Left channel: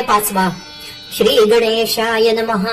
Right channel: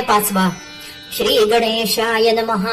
अध्याय पाचवा. श्री गणेशाय नमः।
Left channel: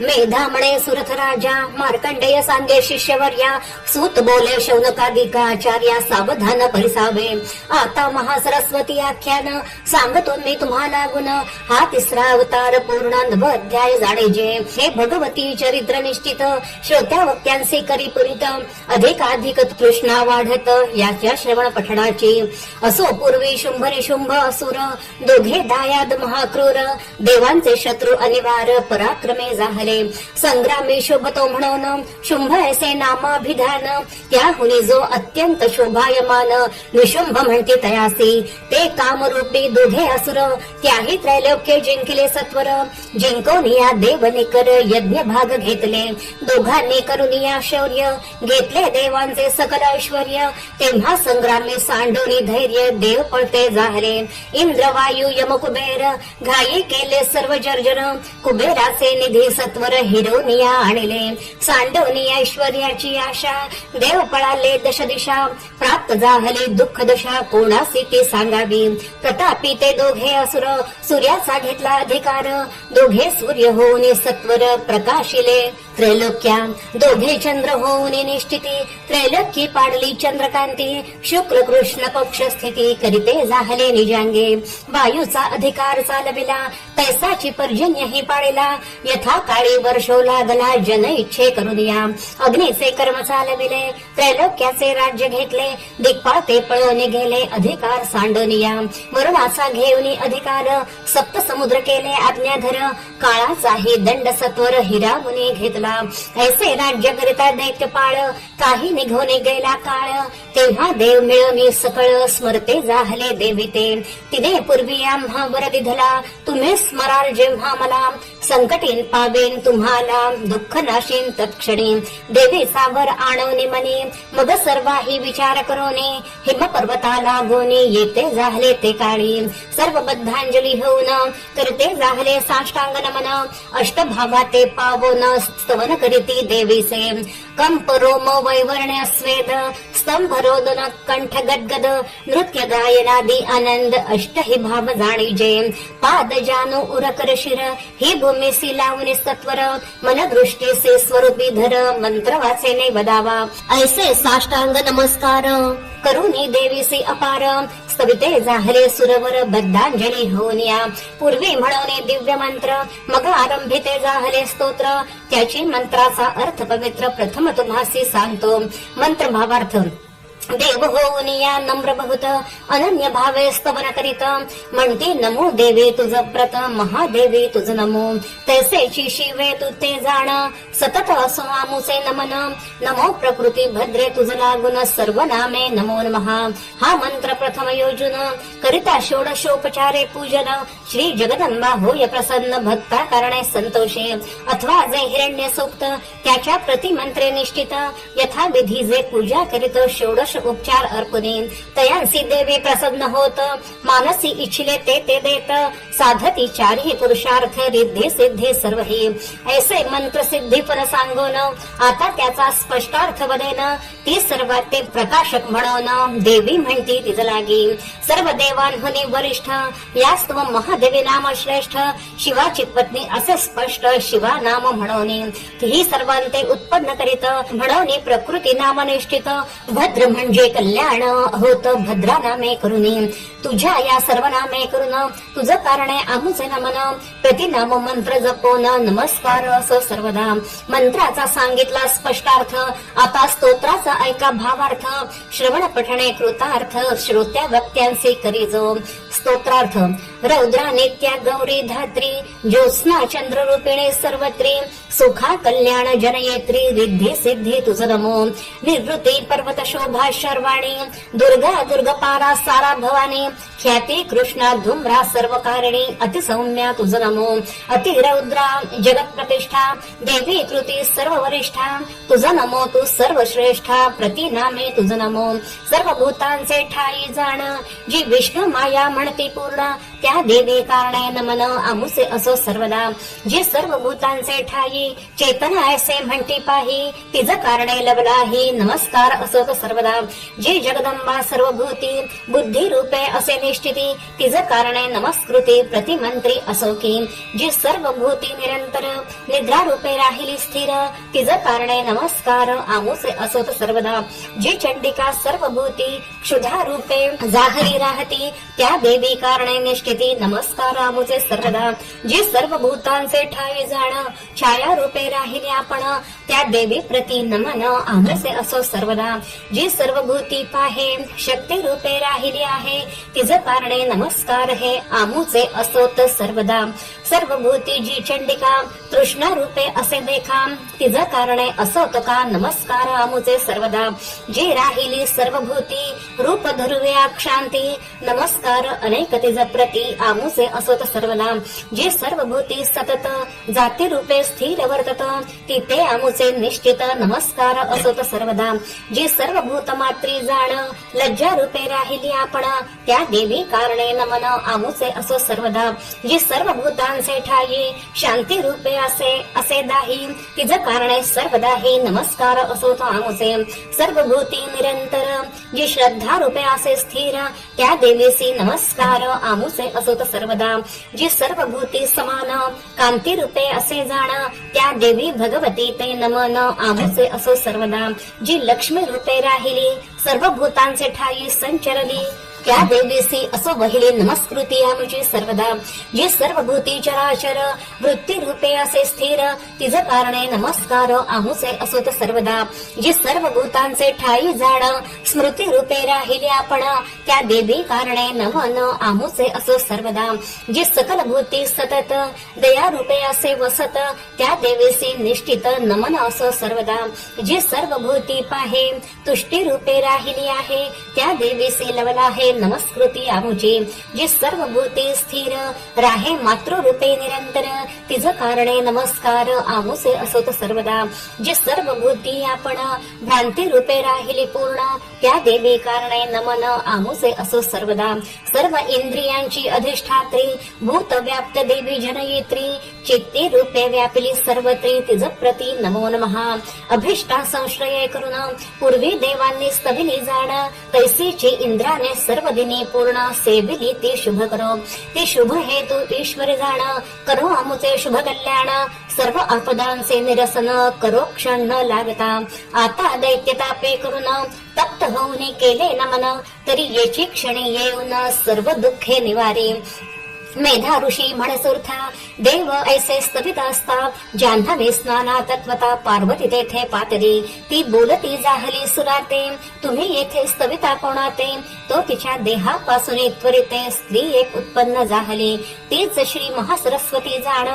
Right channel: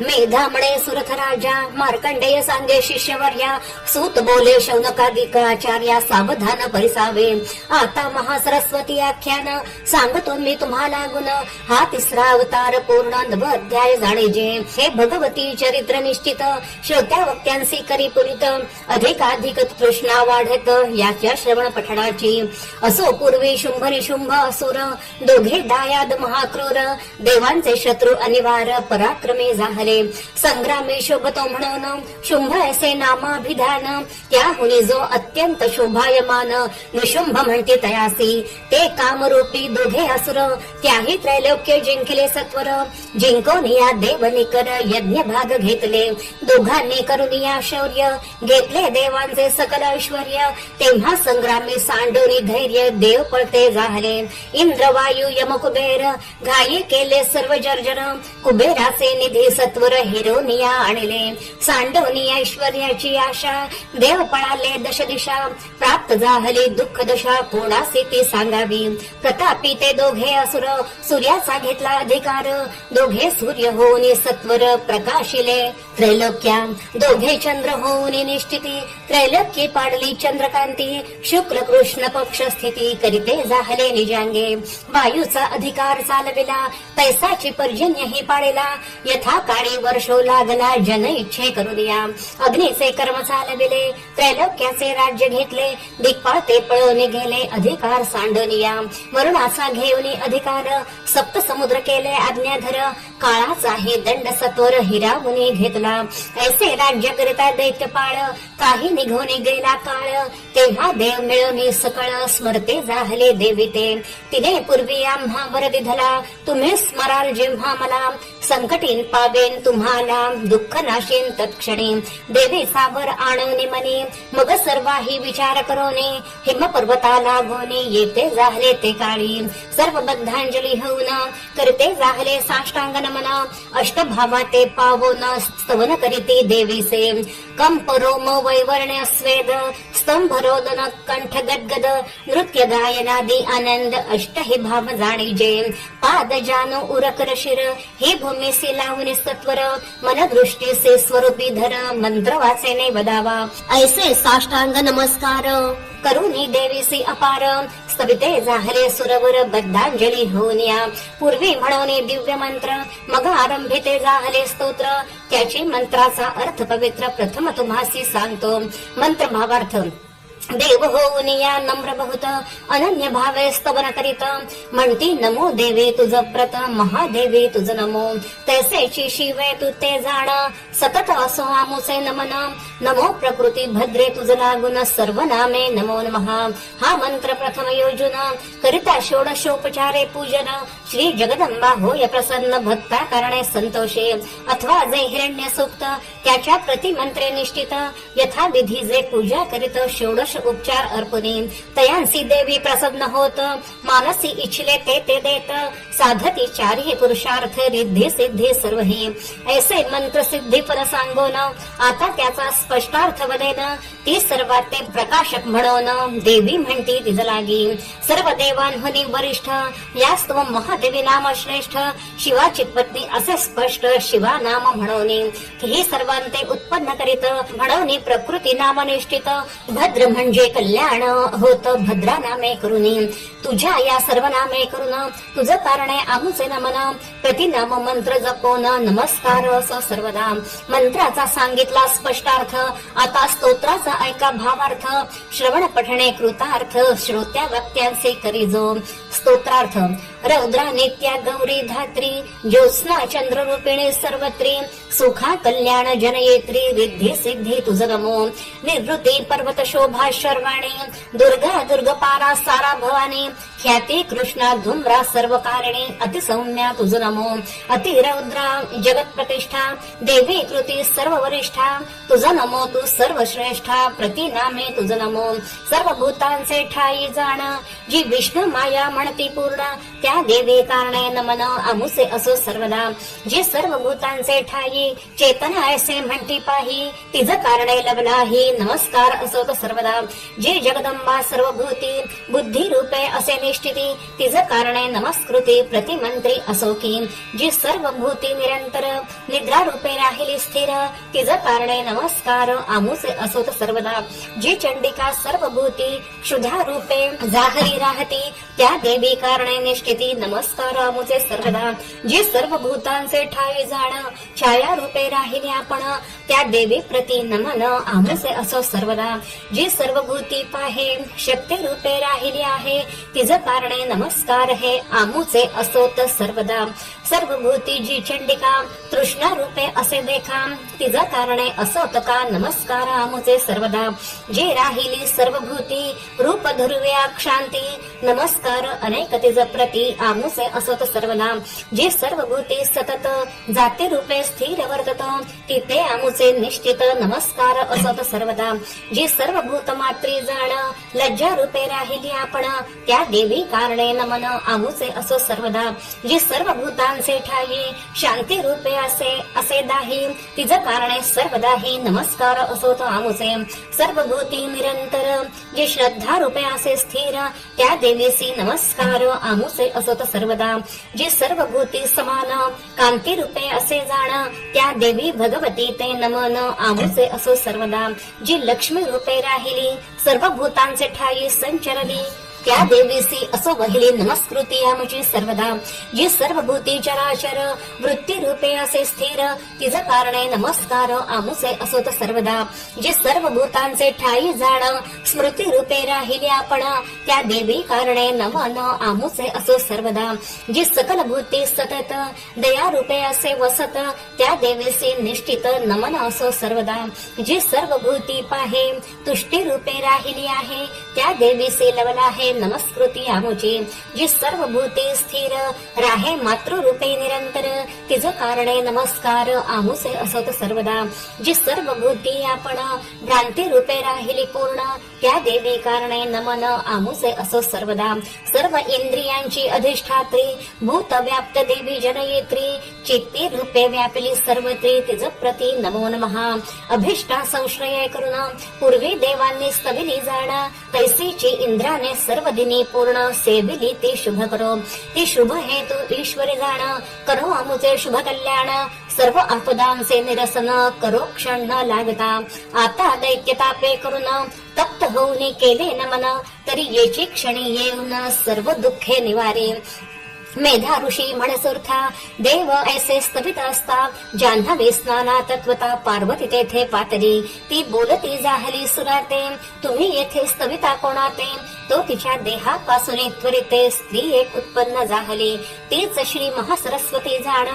मेधामळे सुरथ राजा मार्कंडेय सांगे शिष्यवर्या सूत बोले शौनकादिकाचार्या सावधान परिसावे। आता महासरस्वती आख्यान सांगतो मी तुम्हाला गुण। हा तिसरा अवतार पूर्ण नव अध्याय जाणेजे। हे भगवती चरित्र निश्चित श्रोत्या वक्त्यांचे करी पुरित अधिकाधिक तृष्णा वाढत याच्या श्रवण पठणाची। असो पूर्वी शुंभ निशुंभ असुर दोघे दायाद महाक्रूर। देवांचे ते शत्रू अनिवार्य पराक्रमे जाहले. संग्रामी शोभतो म्हणून शुंभ ऐसे नामाभिधान. त्याहुनी जो अत्यंत शोभायमान निशुंभ म्हणते तयासी. ते कामरूपी दोघे असुर. त्याही त्रैलोक्य जिंकले सत्वर. जिंकून या देवनिकर यज्ञ भाग घेतले. दोघांनी करून या शौर्य. घेतले देवांचे सकल ऐश्वर तेव्हा संग्रामी सांडूनी धैर्य देव पळते जाहले. इंद्रवायू वायू घाई केले सर्व जर्जर कुबेराचे निधी सत्वर हिरोनिया आणले. सांडवनिया ऐश्वर्याची आशा देव पळाले दश दिशा प्राप्त जाहले दुःख दशा कोणासे ते सांगावी? प्रतापी ते दोघे असुर सूर्याचा घेतला अधिकार. दोघे सूर्य होऊन सत्वर प्रकाशिले. त्रैलोक्या दोघे चंद्र होऊन निश्चिती त्रैलोक्य पाडली चंद्रकांती. शुक्ल कृष्ण पक्ष स्थिती करीते जाहले निजांगे. वायूचा अधिकार चालविला तैसाची पर्जन्य ही पाळिला. यथा काळी वर्षो लागला जन इच्छे करू दिया. अग्नीचे कर्म चालविले त्रैलोक्याचे राज्य घेतले. दिक्पाळते पळवणे गेले अधिकार सांडनिया. वरुणाचा घेऊनी अधिकार सप्त समुद्र केले आज्ञाधर. काळाचाही दंड सत्वर हिरा मुनी घेतला ऐसे राज्य करिता दैत्यपाळ काही निघून गेला काळ. तेव्हा देव मिळवणी सकळ स्मरते जाहले देविते तिने पूर्वी आम्हा वर दिधला तुम्ही स्मराल जेव्हा मला. संकटीन पावेन तुम्हाला दुःख नाशीन तत्क्षणी. देवी सावर आणवणे मनी. मग सर्वाही विचार करोनी. हिम पर्वताला गोनी येते जाहले ते काळी. सर्व बद्धांजली होऊन करते जाहले साष्टांग नमन अष्टभावा ते पावन स्तवन करीती देवीसे कंप रोम वैवर्ण्य स्वेद स्तंभ रोदन कंठ गदगद नृत्य गायनादी आनंद अष्ट हे भाव जाणीजे। पाद जानु उरकर शिर ही भूमी सी लावणे सत्वर मन दृष्टी से स्वरूपी धर मंत्र वाचेने वदावा ऐसे साष्टांग नमस्कार। करुणी देवीसी अपार स्तविते जाहले सुरवर बद्धांजली होऊनिया. पूर्वी म्हणवणे दिव्य मंत्र मग आरंभिते जाहले स्तोत्र. त्याची मंत्राचा अर्थ पवित्र प्रथम तुम्हासी सांगतो. मंत्र भावार्थ देव होऊन या नम्र बहुत अनन्य भावे स्तवन करीत म्हणती नमो देवे तुझ प्रत महादेवी तुझ नमो। तैसेची शिवे तू ते जाण सतत असो आमुचे नमन। नमो प्रकृती भद्रे तुझ लागून सर्व नामे नमो। नमहा हा मंत्र प्रथम योजन करिता षोडशोपचारे पूजन। श्री जगदंबा होय प्रसन्न भक्ता कारणे संतोषे। अथवा जे हिरण्य सूक्त त्याच्या प्रतिमंत्रे निश्चित। यथा विधी जे पूजा करीत षोडश उपचार अर्पुनी तयांसी देवी प्रसन्न होत. मानसी इच्छिले ते ते देत. साधती चारही पुरुषार्थ रिद्धी सिद्धी सर्वही. ऐसे मंत्र सिद्धी पर सांगून आता त्याचा स्पष्टार्थ वदेन ते सर्वात ते प्रकाशक म्हणून देवी म्हणती तिज लागी. सर्व देवांहनी वरिष्ठ यास्तव महादेवी नाम श्रेष्ठ. शिवाची पत्नी असे स्पष्ट शिवा नाम म्हणून. ही सर्वांते उत्पन्न करीत म्हणून प्रकृती नाम निष्ठित भद्र म्हणजे कल्याण होत भद्रा नामे करून. तुझ्या या सर्व नामे करून तुझं कारणे आमचे नमन. प्रतिनाम मंत्र जपोन नमस्कार असो सर्वदा. मंत्राचा सांगितला स्पष्टार्थ आता स्तोत्राचा ऐका भावार्थ. श्रवण पठणे कृतार्थ श्रोत्या वक्त्यांचे करी जो स्तोत्रार्थ रौद्रा नित्या गौरी धात्री ज्योत्स्ना चंद्र रूपिणी सर्वत्री सुखा कल्याण जनयेत्री रिद्धी सिद्धी तुझ नमो। निवृत्ती पर्वत शोभा शर्वाणी दुर्गा दुर्ग पारा सारा भवानी ख्याती कृष्णा धुम्रा सर्व कारणी अतिसौम्या तुझ नमो। अतिरौद्रा जगत प्रतिष्ठा देवी कृती सर्व वरिष्ठा तुझ नमो तू सर्व श्रेष्ठा प्रतिनामे तुझ नमो। सर्व भूतांचे ठाई जाण जी विष्णू माया म्हणती पूर्ण त्या त्या देवी कारणे नमन आमुसे असो सर्वदा जे सर्व भूतांचे ठाई चेतना ऐसे म्हणती पाही तिज कारणे लग्नाही नमस्कार असो सर्वदा जे जगदंबा सर्व भूती बुद्धी रूपे असे निश्चिती तिज कारणे नमस्कृती प्रतिमंत्री असो की जे सर्व भूती निरंतर निद्रा रूपे राहिली स्थिर तिज कारणे नमस्कार आमुसे असोत सर्वदा जे चंडिका सर्व भूती क्षुधा रूपे जाहरी राहती त्या देवी कारणे निष्ठिती नमस्कार नमस्कारामुचे सर्वदा. जे सर्व भूतांचे ठाई जाण छाया रूपे राहिले आपण त्या देवी प्रती नमन आमुसे असो सर्वदा. जे सर्व भूती पाहे शक्ती रूपे राहिली आहे तिज कारणे नमस्कार हे आमुचे असोत सर्वदा. सर्व भूती जी चंडिका तृष्ण रूपे असे देखा तिज कारणे असोत का नमस्कार आमुचे सर्वदा. जे राहिली सर्व भूती रूप ध्रुव्या क्षांती नमस्कार अनेक तिज प्रती आमुसे असोत सर्वदा जे सर्व भूती सतत जाती रूपे स्थिर वर्तत तिथे आमुचे निश्चित नमस्कार असत सर्वदा जे सर्व भूत मात्री जाण लज्जा रूपे राहिली आपण त्या देवी कारणे नमन आमुचे असो सर्वदा जे सर्व भूतांचे ठाई शांती रूपे असे असे दाही तिज कारणे सर्वदा हे नमस्कार असो तो आमुचे. सर्व भूती निरंतर जे श्रद्धा रूपे असे स्थिर त्या देवीसी नमस्कार आमुचे असत सर्वदा. जी सर्व भूती समान कांती रूपे असे जाण त्या देवी भगवती ते नमन आमुचे असो सर्वदा. जी लक्ष्मी रूपे राहिली सर्व भूतांचे ठाई संचरली त्या देवीसी असो वहिली नमस्कृती आमची सर्वदा. जे सर्व भूती चराचर वृत्ती रूपे असे स्थिर तिज कारणे नमस्कार आमुसे असोत सर्वदा. जे सर्व भूतांचे ठाई जाण स्मृती रूपे राहिले आपण त्या देवी कारणे नमन आमुसे असो सर्वदा. जी सकल भूती सतत दया रूपे असे वसत त्या देवीसी निश्चित नमन असो सर्वदा. जी सर्व भूती पाहे तुष्टी रूपे राहिली आहे त्या देवीसी लवला आहे नमस्कृती आमुचे. जे सर्व भूते स्थिर राहे मातृरूपे निरंतर. तिज कारणे नमस्कार आमुसे असत सर्वदा. जे सर्व भूती आपण भ्रांती रूपे राहिली पूर्ण त्या देवी कारणे नमन आमुसे असो सर्वदा. सर्व इंद्रियांची अधिष्ठात्री भूत व्याप्त देवी जनयित्री चित्ती रूपे व्यापिली सर्वत्री तिज प्रती नमो नमः. अभिष्टा संश्रय करून पूर्वी देवांनी स्तविली जाण. तैसेचे इंद्राने सर्व दिनी पूर्ण सेविली ती शुभ करो. ती शुभ हेतू ईश्वरी जाण. करो अमुचे शुभ कल्याण. सर्व आपदांचे निरसन करो क्षण न लागता. आता दैत्यतापे करून तप्त होऊन केले नमन. तरी याची क्षणी येऊन सर्व दुःखे निवारे. मेधा ऋषी म्हणसुर्था देव ऐसे स्तवित असता जान्हवे स्नाना तत्वता पार्वती तेथे पातरी ती बोलती जाहली सुराते तुम्ही येथे स्तविता कोणाते तो तिच्या देहापासून त्वरिते स्त्री एक उत्पन्न जाहली तीच श्री महासरस्वती जाण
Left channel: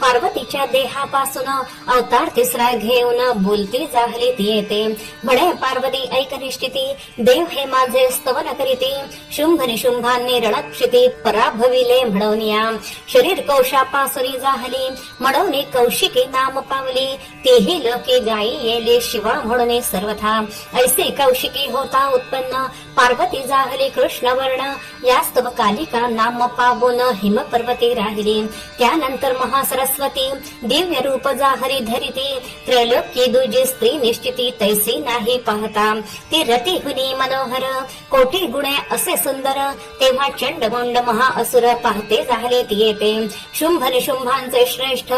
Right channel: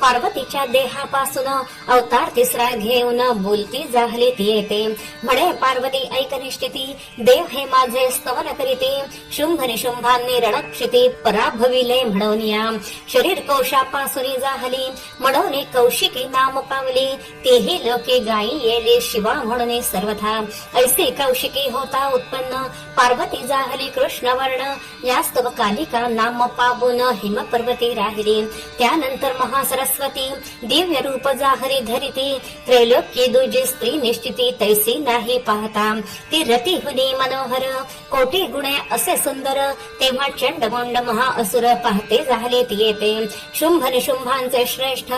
पार्वतीच्या देहापासून अवतार तिसरा घेऊन बोलती जाहली ती येते. म्हणे पार्वती ऐक निश्चिती देव हे माझे स्तवन करीती शुंभ निशुंभांनी रणक्षिती पराभविले म्हणून शरीर कोशापासून जाहली। म्हणून कौशिकी नाम पावली। तीही लोके गायी येले शिवा म्हणून सर्वथा। ऐसे कौशिकी होता उत्पन्न। पार्वती जाहली कृष्ण वर्ण। यास्तव कालिका नाम पावून हिम पर्वती राहिली। त्यानंतर महासरस्वती। दिव्य रूप जाहरी धरिती। त्रैलोक्य दुजी स्त्री निश्चिती तैसी नाही पाहता। ती रती हुनी मनोहर। कोटी गुणे असे सुंदर। तेव्हा चंडमुंड महाअसुर पाहते। झाले ती. येते शुंभ निशुंभांचे श्रेष्ठ.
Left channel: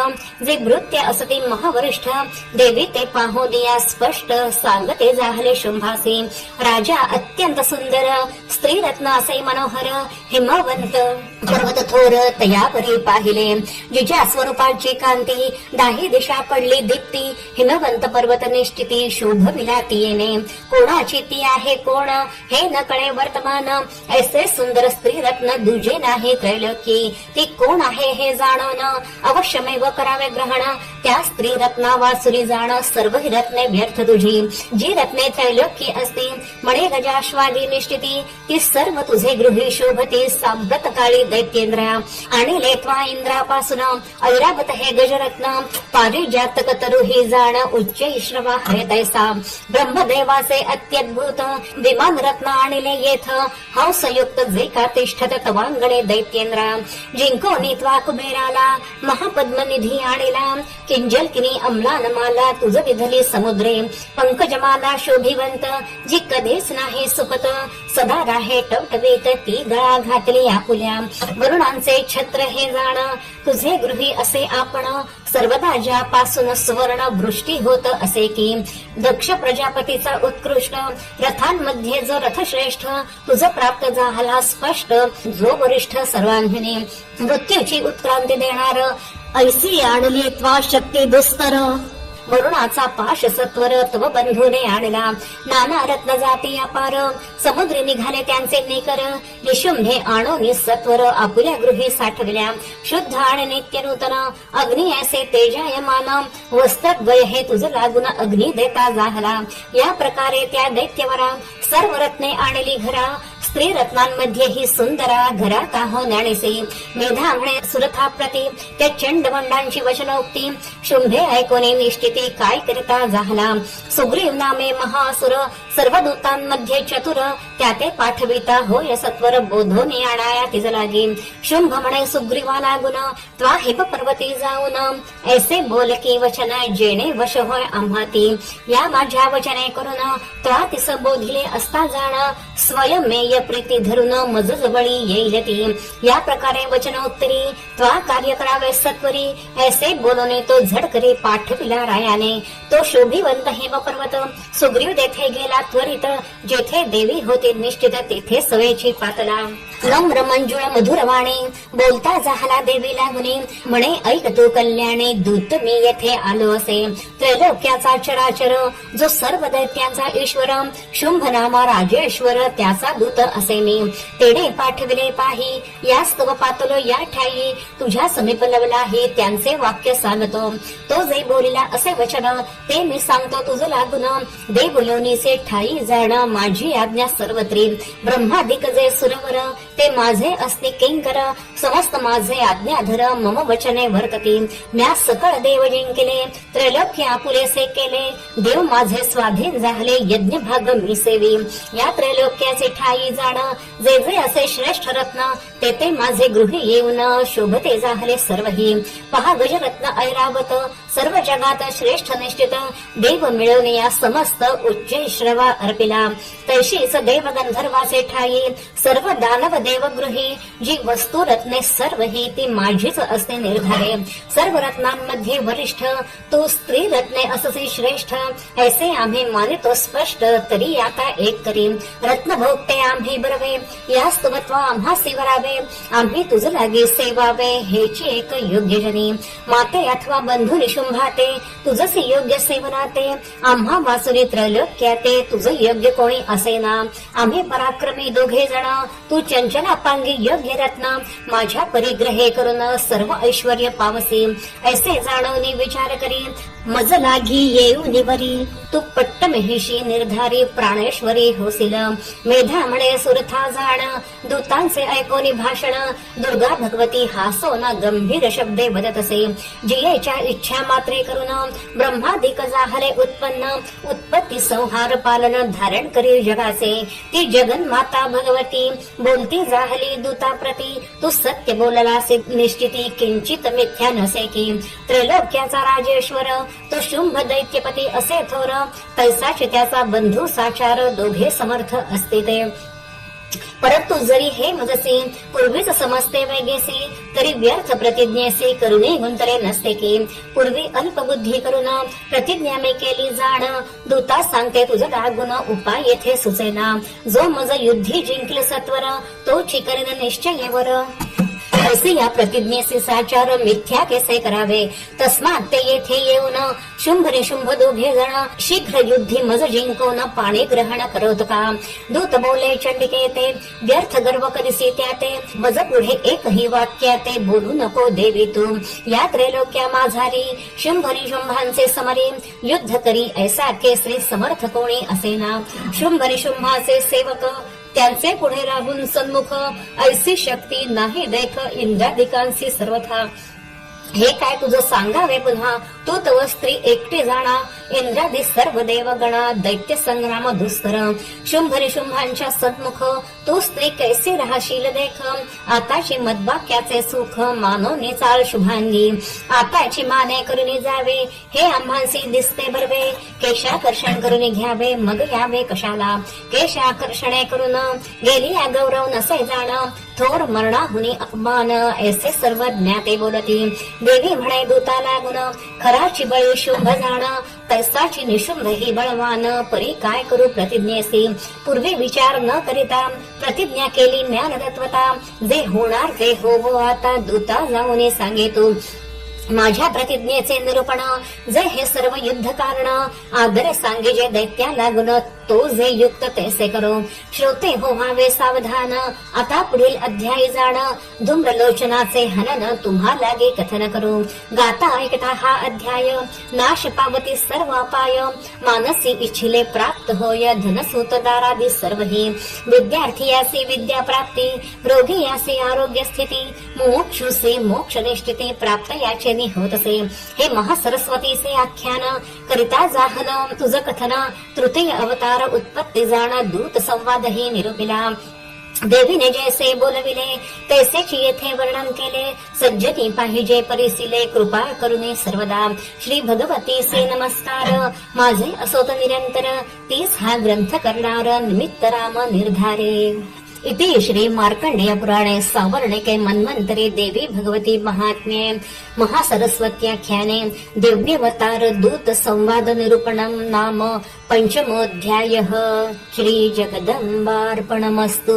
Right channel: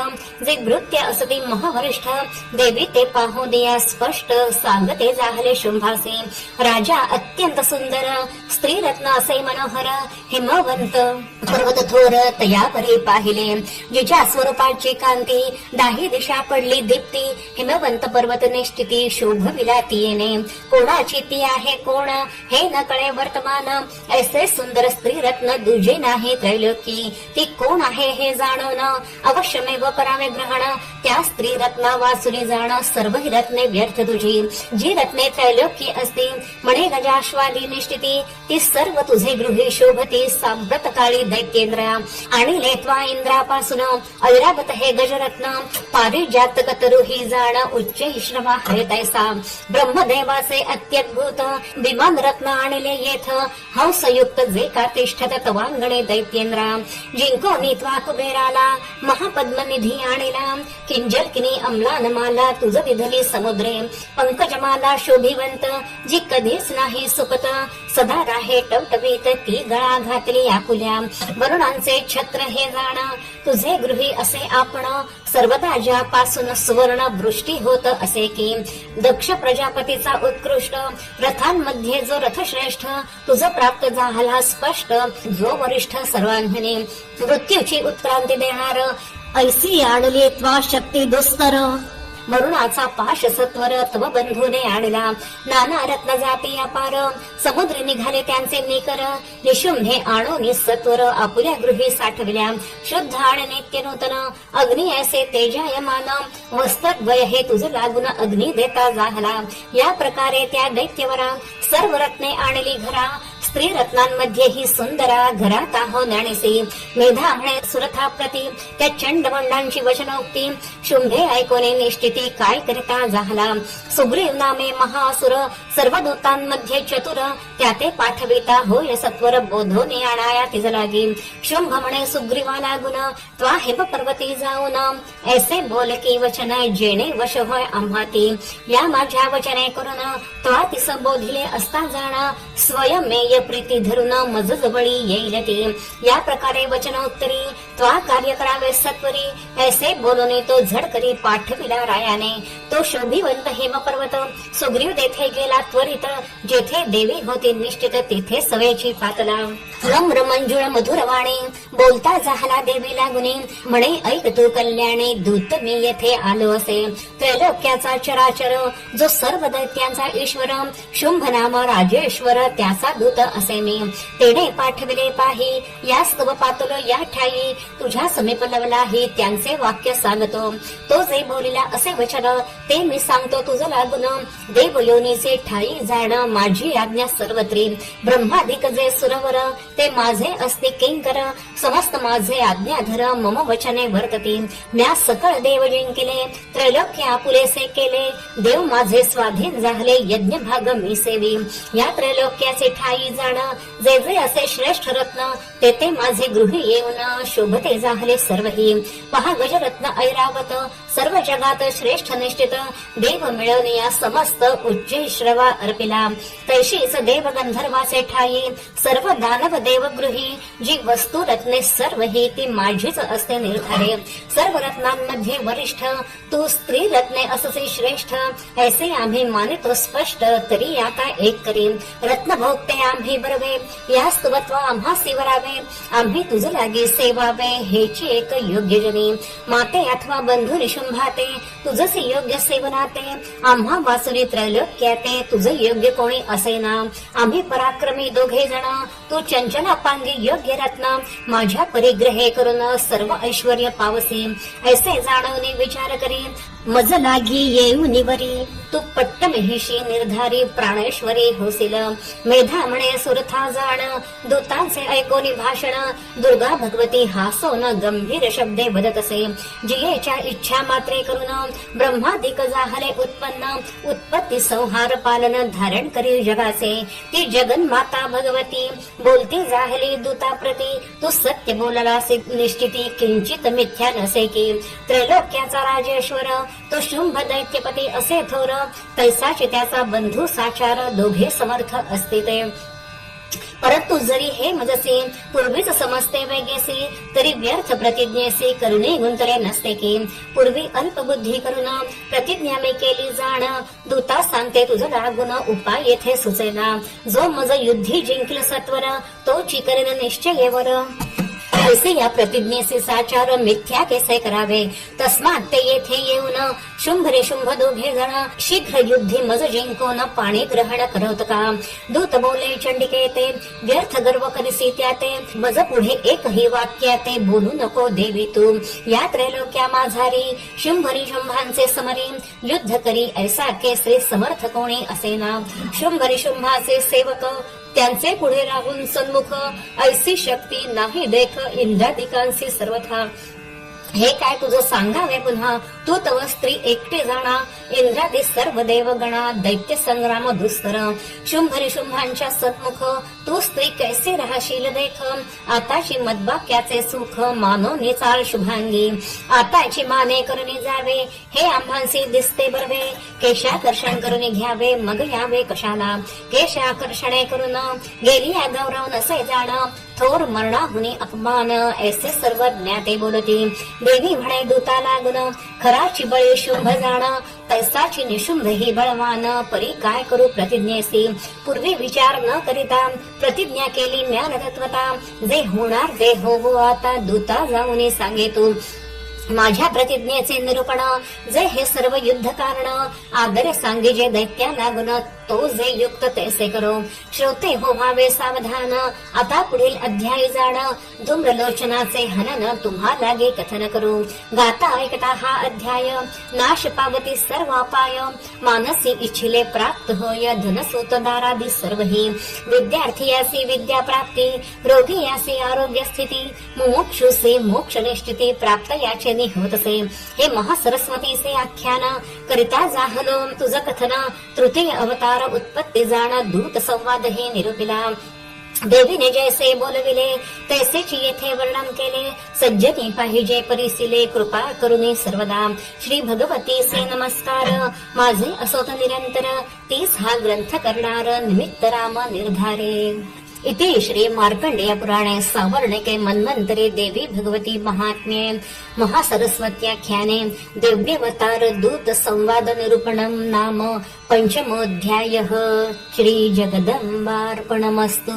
जे वृत्य असते महावरिष्ठ. देवी ते पाहू दिया स्पष्ट. सांगते झाले शुंभासी. राजा अत्यंत सुंदर. स्त्री रत्न असे मनोहर. हिमवंत. पर्वत थोर तयापरी पाहिले. जिजा स्वरूपाची कांती. दाही दिशा पडली दीप्ती. हिमवंत पर्वत निश्चिती शोभ विलाती येणे. कोणाची ती आहे कोण? हे न कळे वर्तमान. ऐसे सुंदर स्त्री रत्न दुजे नाही त्रैलोकी ती कोण आहे हे जाणून? अवश्यमेव करावे ग्रहण. त्या स्त्री रत्ना वासुरी जाण सर्व रत्ने व्यर्थ तुझी. जी रत्ने त्रैलोकी असती म्हणे गजाश्वादी निश्चिती ती सर्व तुझे गृही शोभती साम्रत काळी दैत्येंद्रा. आणि लेत्वा इंद्रापासून. ऐरावत हे गजरत्न. पारिजातक तरु ही जाण उच्च इश्रवा आहे तैसा. ब्रह्मदेवाचे अत्यद्भुत. विमान रत्न आणले येथ. हंसयुक्त जे का तिष्ठते तवांगणे दैत्येंद्रा. जिंको नित्वा कुबेराला महापद्मनिधी आणिला किंजलकिनी अम्लान माला तुझ विधले समुद्रे पंकजमाला शोभिवंत जी कधीच नाही सुखत सदा राहे टवटवीत ती गळा घातली आकुल्या वरुणांचे छत्र हे जाण तुझे गृही असे आपण सर्वदा ज्यापासून सुवर्ण वृष्टी होत असे की दक्ष प्रजापतीचा उत्कृष्ट रथांमध्ये जो रथश्रेष्ठ तुझ प्राप्त झाला स्पष्ट जो वरिष्ठ सर्वांगिनी मृत्यूची उत्क्रांती देणार ऐसी आडली त्वा शक्ती दुस्तर. वरुणाचा पाश सत्वर तव बंधूने आणला. नाना रत्न जाती अपार. समुद्री निघाले त्यांचे निकर. निशुंभे आणो सत्वर आपुल्या गृही साठविल्या. शुद्ध आणि नित्य नूतन. अग्नि ऐसे तेजायमान. वस्त्रद्वय हे तुझ लागून अग्नि देता झाला. या प्रकारे त्या दैत्यवरा सर्व रत्ने आणली घरा. स्त्री रत्नांमध्ये ही सुंदरा घरात आहो ज्ञानेसे मेधा म्हणे सुरथा प्रती त्या चंडमंडांची वचनोक्ती. शुंभे ऐकोने निष्ठिती काय करता झाला? सुग्रीव नामे महासुर सर्व दूतांमध्ये चतुर. त्या ते पाठविता होय सत्वर बोधोने आणाया तिज लागी शुंभ म्हणे सुग्रीवाला त्वा हिम पर्वती जाऊन. ऐसे बोल की वचन जेणे वश होय आम्हाती. या माझ्या वचने करून त्वा तिस बोधले असता जाणा. स्वयमेय प्रीती धरून मज जवळी येईल ती. या प्रकारे वचनोत्तरी त्वा कार्य करावे सत्वरी. ऐसे बोलणे तो झडकरी पाठविला रायाने. तो शोभिवंत हिम पर्वत सुग्रीव देथे गेला त्वरित जेथे देवी होती निश्चित तिथे सवयची पातला. नम्र मंजुळ मधुरवाणी बोलता झाला देवी लागुनी म्हणे ऐक तू कल्याणी दूत मी येथे आलो असे. त्रैलोक्याचा चराचर जो सर्व दैत्याचा ईश्वर शुंभ नामा राजेश्वर त्याचा दूत असे मी. तेने पाठविले पाही या स्तव पातलो या ठाई. तुझ्या समीप लवलाही त्यांचे वाक्य सांगतो. तो जे बोलिला असे वचन ते मी सांगतो तुझं लागून. दे योनीचे ठाई. जाण माझी आज्ञा सर्वत्री. ब्रह्मादिक जे सुरवर ते माझे असते किंकर. समस्त माझे आज्ञाधर मम वचने वर्तती. म्या सकळ देव जिंकले त्रैलोक्य आपुलेसे केले. देव माझे स्वाधीन झाले यज्ञ भाग मी सेवी. या त्रैलोक्याचे ठाई जाण जे जे असे श्रेष्ठ रत्न तेथे माझे गृहे येऊन शोभते झाले सर्वही. पहा गजरत्न ऐरावत सर्व जगात श्रेष्ठ निश्चित देव मिळवून या समस्त उच्च श्रवा अर्पिला. तैशीच देव गंधर्वाचे ठाई सर्व दानव देवगृही जी वस्तू रत्ने सर्व ही ती माझीच असते निर्धारे. सर्व रत्नांमध्ये वरिष्ठ तू स्त्री रत्ने अससे श्रेष्ठ ऐसे आम्ही मानितो स्पष्ट तरी आता एक करी. रत्न भोगते आम्ही बरवे या स्तवत्व आम्हा सेवरावे. आम्ही तुझ लागे सेवावे. हेची एक योग्य जनी. माते अथवा बंधू निशुंभाते. तुझसे योग्य सेवनाते. आम्हा वासुरी त्रैलोक्याते तुझ योग्य कोणी असे ना आम्ही पराक्रमी दोघे जण. तू चंचना पांगी योग्य रत्न. माझ्या परिग्रहे करून सर्व ऐश्वर पावसी. ऐसे जाणवणी विचार करी. मज लागी येऊ निवरी. तू पट्ट महिषी निर्धारी प्राणेश्वरी होसिल मेधा म्हणे सुरथा जाण दूतांचे ऐकोनी भाषण. दुर्गा भगवती हासोन गंभीर शब्दे वदत असे जियेच्या इच्छा मात्रे करून ब्रह्मादिक जाहले उत्पन्न. उत्पत्ती संहार पालन धारण करील जगाचे. ती जगन्माता भगवती. बोलती जाहली दूता प्रती तू सत्य बोलला निश्चिती किंचित मिथ्या नसे की. त्रैलोक्याचा राजेश्वर तो शुंभ दैत्यपती असे थोर. तैसाच त्याचा बंधू साचार दोघे समर्थ असते ते परंतु जरी हे मजसे पूर्वीच समजते वेगेसे तरी व्यर्थ प्रतिज्ञेसे करुणे गुंतले नसते की. पूर्वी अल्पबुद्धी करून प्रतिज्ञा मी केली जाण. दूता सांगते तुझ रागुण उपाय येथे सुचेना. जो मज युद्धी जिंकल सत्वर तो चिकरण निश्चयेवर. असे या प्रतिज्ञेचे साचार मिथ्या केसे करावे? तस्मात ते येथे येऊन शुंभ निशुंभ दोघे जण शीघ्र युद्धी मज जिंकून पाणी ग्रहण करत का? दूत बोले चंडिके ते व्यर्थ गर्व कधीसे त्या ते मज पुढे एकही वाक्य ते बोलू नको देवी तू. या त्रैलोक्या माझारी शुंभ शुंभांचे समरी युद्ध करी ऐसा केसरी समर्थ कोणी असे ना? शुंभरी शुंभाचे सेवक त्यांचे पुढे राहून सन्मुख ऐसी शक्ती नाही देख इंद्रादिकांशी सर्वथा. हे काय तुझं सांगावे पुन्हा? तू तव स्त्री एकटे जाणा. इंद्रादी सर्व देवगणा. दैत्य संग्राम दुस्तर. शुंभरी शुंभांच्या सद्मुख तू स्त्री कैसे राहशील देख. आताशी मदबाक्याचे सुख. मानो चाल शुभांगी. आताची माने करुणी जावे. हे आम्हासी दिसते बरवे. केशाकर्षण करुणी घ्यावे. मग यावे कशाला? केशाकर्षणे करून गेली या गौरव नसे जाण. थोर मरणा मरणाहुनी अपमान ऐसे सर्व ज्ञाते बोलती. देवी म्हणे दूता लागून खराची बळी शुंभ जाण तैसाची निशुंभ ही बळवान परी काय करू प्रतिज्ञेसी पूर्वी विचार न करिता प्रतिज्ञा केली ज्ञान तत्वता जे होणार जे हो हो आता दूता जाऊन सांगे तू माझ्या प्रतिज्ञेचे निरूपण. जे हे सर्व युद्ध कारण आदरे सांगे जे दैत्या लागून तो जे युक्त तैसे करो. श्रोते हो व्हावे सावधान. आता पुढील अध्यायी जाण. धूम्रलोचनाचे हनन तुम्हा लागे कथन करू. गाता ऐकता हा अध्याय. नाश पावती सर्व अपाय. मानसी इच्छिले प्राप्त होय. धनसूत दारादी सर्व ही विद्यार्थी यासी विद्या प्राप्ती. रोगी यासी आरोग्य स्थिती. मोक्षुसे मोक्ष निष्ठिती प्राप्त याचे याचेनी होत असे. हे महासरस्वतीचे आख्यान करता जाहन तुझ कथन तृतीय अवतार उत्पत्ती जाणा दूत संवाद हे निरुपिला. देवीने जैसे बोलविले तैसेची येथे वर्णन केले. सज्जनी पाहिजे परिसिले कृपा करुने सर्वदा. श्री भगवती से नमस्कार. माझे असोत निरंतर तीस हा ग्रंथ करणार निमित्त राम निर्धारे. इति श्री मार्कण्डेय पुराणे सावर्णिके मन्वन्तरे देवी भगवती महात्म्ये महासरस्वत्याख्याने देव्यवतार दूत संवाद निरूपणम् नाम पञ्चमोऽध्यायः श्रीजगदम्बार्पणमस्तु।